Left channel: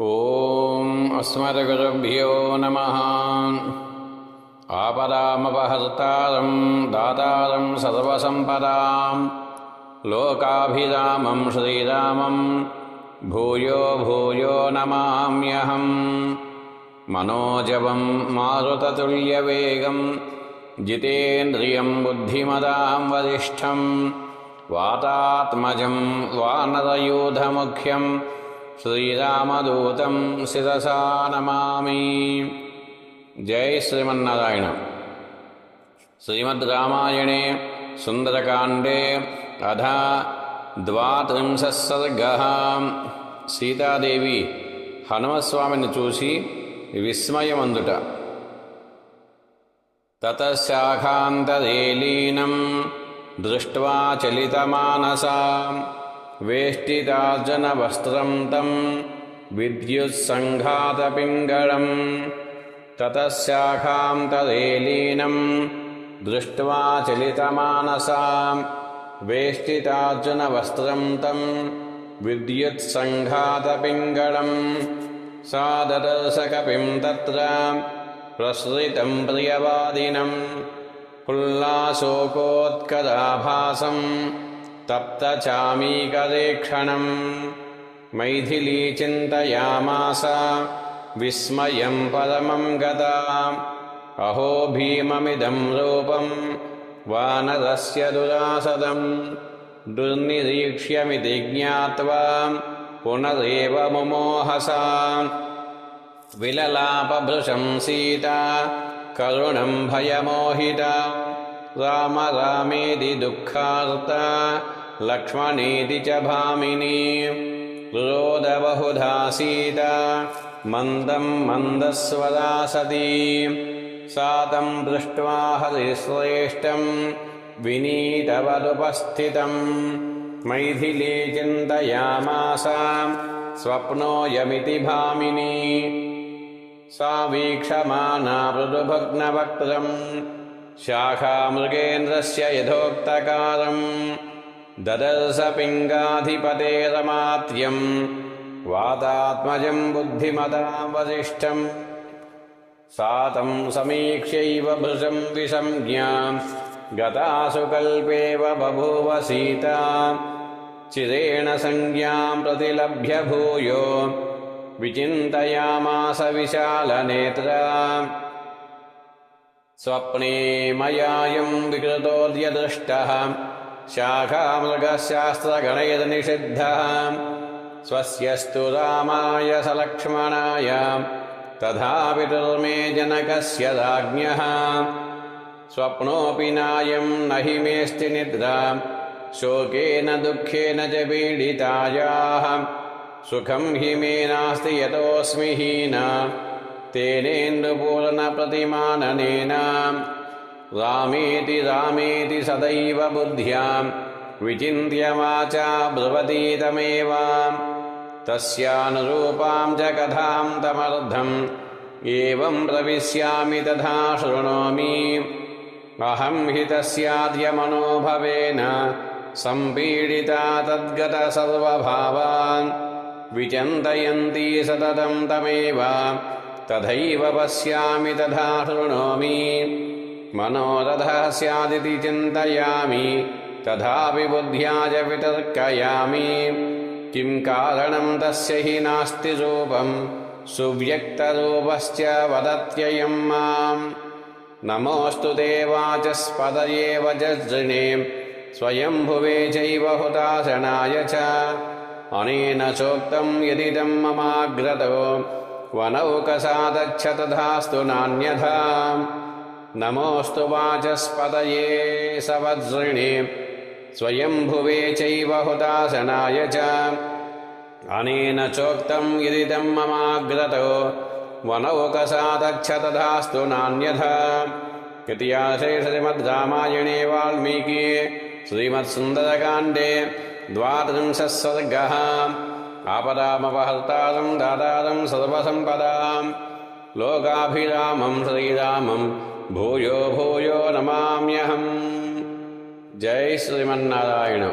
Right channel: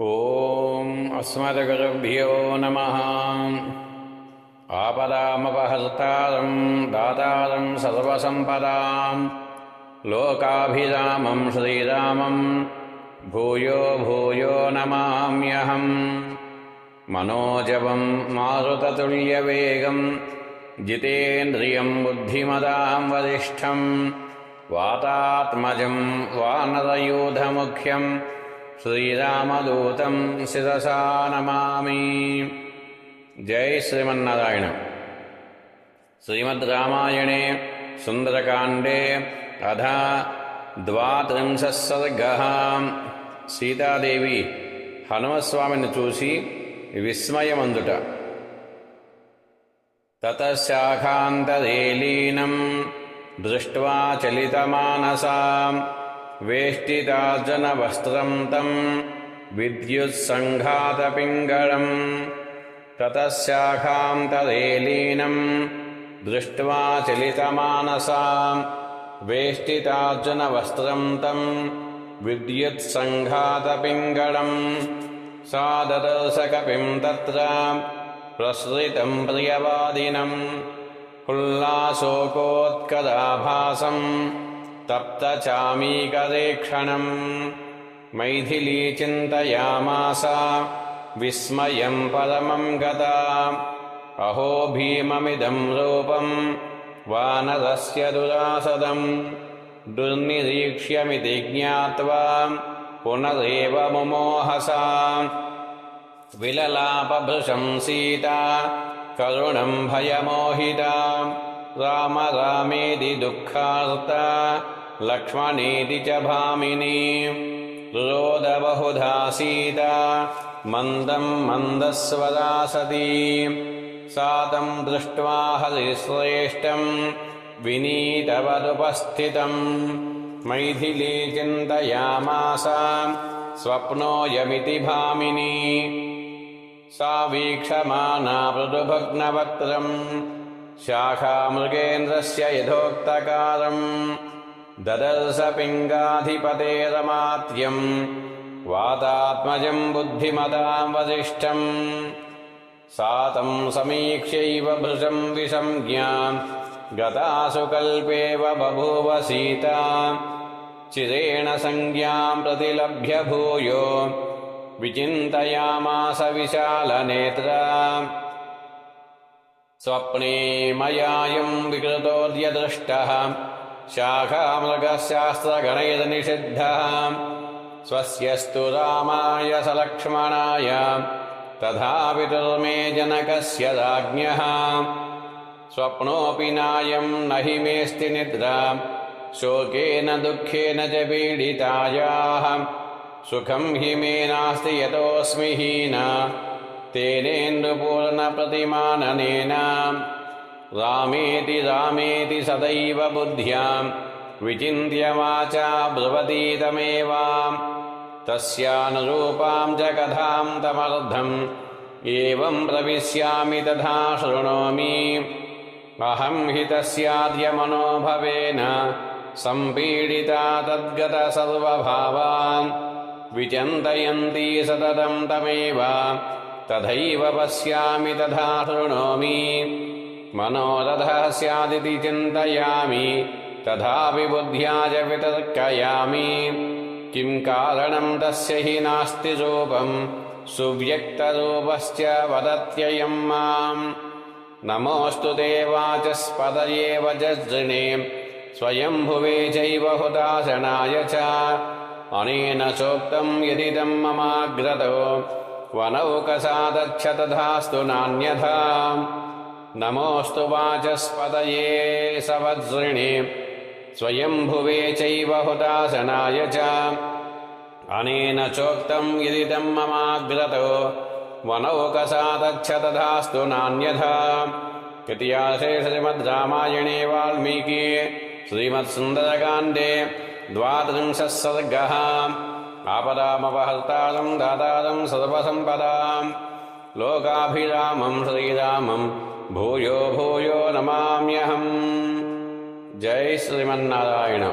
ಓಂ ಅಸ್ಮದ್ಗುರುಭ್ಯೋ ನಮಃ. ಆಪದಾಮಪಹರ್ತಾರಂ ದಾತಾರಂ ಸರ್ವಸಂಪದಾಂ ಲೋಕಾಭಿರಾಮಂ ಶ್ರೀರಾಮಂ ಭೂಯೋ ಭೂಯೋ ನಮಾಮ್ಯಹಂ. ಮನೋಜವಂ ಮಾರುತತುಲ್ಯವೇಗಂ ಜಿತೇಂದ್ರಿಯಂ ಬುದ್ಧಿಮತಾಂ ವರಿಷ್ಠಂ ವಾತಾತ್ಮಜಂ ವಾನರಯೂಥಮುಖ್ಯಂ ಶ್ರೀರಾಮದೂತಂ ಶಿರಸಾ ನಮಾಮಿ. ಜೈ ಶ್ರೀಮನ್ನಾರಾಯಣ. ಶ್ರೀಮದ್ ರಾಮಾಯಣೆ ಸುಂದರಕಾಂಡೆ ಅಧ 32 ಸರ್ಗಃ. సీతాదేవి హనుమస్వామిని చూసి విస్మయమందుట. తతశాఖాంతరే లీనం దృష్ట్వా చలితమానసా వేష్టితార్జునవస్త్రం తం విద్యుత్సంఘాతపింగళం. తతశాఖాంతరే లీనం దృష్ట్వా చలితమానసా వేష్టితార్జునవస్త్రం తం విద్యుత్సంఘాతపింగళం. సా దదర్శ కపిం తత్ర ప్రసృతం ప్రియవాదినం ఉల్లాసోకోత్కరాభాసం తప్తచామీకరేక్షణం. మైథిలీ చింతయామాస విస్మయం పరమం గతా. అహో భీమమిదం రూపం వానరస్య దురాసదం దుర్నిరీక్ష్యమితి జ్ఞాత్వా పునరేవ ముమోహసా. విలలాపభృశం సీతా కరుణం భయమోహితా. రామ రామేతి దుఃఖార్తా లక్ష్మణేతి చ భామినీ. రురోద బహుధా సీతా మందం మందస్వరా సతీ. సా తం దృష్ట్వా హరిశ్రేష్టం వినీతవదుపస్థితం. మైథిలీ చింతయామాస స్వప్నోయమితి భామినీ. సా వీక్షమానా మృదుభగ్నవక్త్రం శాఖామృగేంద్రస్య యథోక్తకారం. దదర్శ పింగాధిపతేరమాత్యం వాతాత్మజం బుద్ధిమతాం వసిష్ఠం. సా తం సమీక్ష్యైవ భృశం విసంజ్ఞా గతాసు కల్పేవ బభూవ సీతా. చిరేణ సంజ్ఞాం ప్రతిలభ్య భూయో విచింతయామాస విశాలనేత్రా. స్వప్నే మయాయం వికృతోర్యదృష్టః శాఖామృగశాస్త్రగణైర్నిషిద్ధః. స్వస్యస్తు రామాయ సలక్ష్మణాయ తథా పితుర్మే జనకస్య రాజ్ఞః. స్వప్నోపి నాయం నహి మేస్తి నిద్రా శోకేన దుఃఖేన చ పీడితాయాః. సుఖం హి మే నాస్తి యతోస్మి హీనా తేనేందుపూర్ణప్రతిమాననేన. రామేతి రామేతి సదైవ బుద్ధ్యా విచింత్య వాచా బ్రువతీతమేవ. తస్యానురూపాం చ కథాం తమర్థం ఏవం ప్రవిశ్యామి తథా శృణోమి. అహం హి తస్యాద్య మనోభవేన సంపీడితా తద్గత సర్వభావాన్. విచింతయంతి సతతం తమేవ తథైవ పశ్యామి తథా శృణోమి. మనోరథః స్యాదితి చింతయామి తథాపి బుద్ధ్యా చ వితర్కయామి. కిం కారణం తస్య హి నాస్తి రూపం సువ్యక్తరూపశ్చ వదత్యయం మాం. నమోऽस्तु తే వాచస్పతయే వజ్రజృణే స్వయంభువే చైవ హుతాశనాయ చ. అనేన చోక్తం యదిదం మమాగ్రతో వనౌకసాదచ్చ తథాస్తు నాన్యథా. నమోऽस्तु వాచస్పతయే సవజ్రిణే స్వయంభువే చైవ హుతాశనాయ చ. అనేన చోక్తం యదిదం మమాగ్రతో వనౌకసాదచ్చ తథాస్తు నాన్యథా. ఇతిహాసే శ్రీమద్ రామాయణే వాల్మీకి శ్రీమత్సుందరకాండే 32 सर्गः. ఆపదామపహర్తారం దాతారం సర్వసంపదాం లోకాభిరామం శ్రీరామం భూయో భూయో నమామ్యహం. జై శ్రీమన్నారాయణ.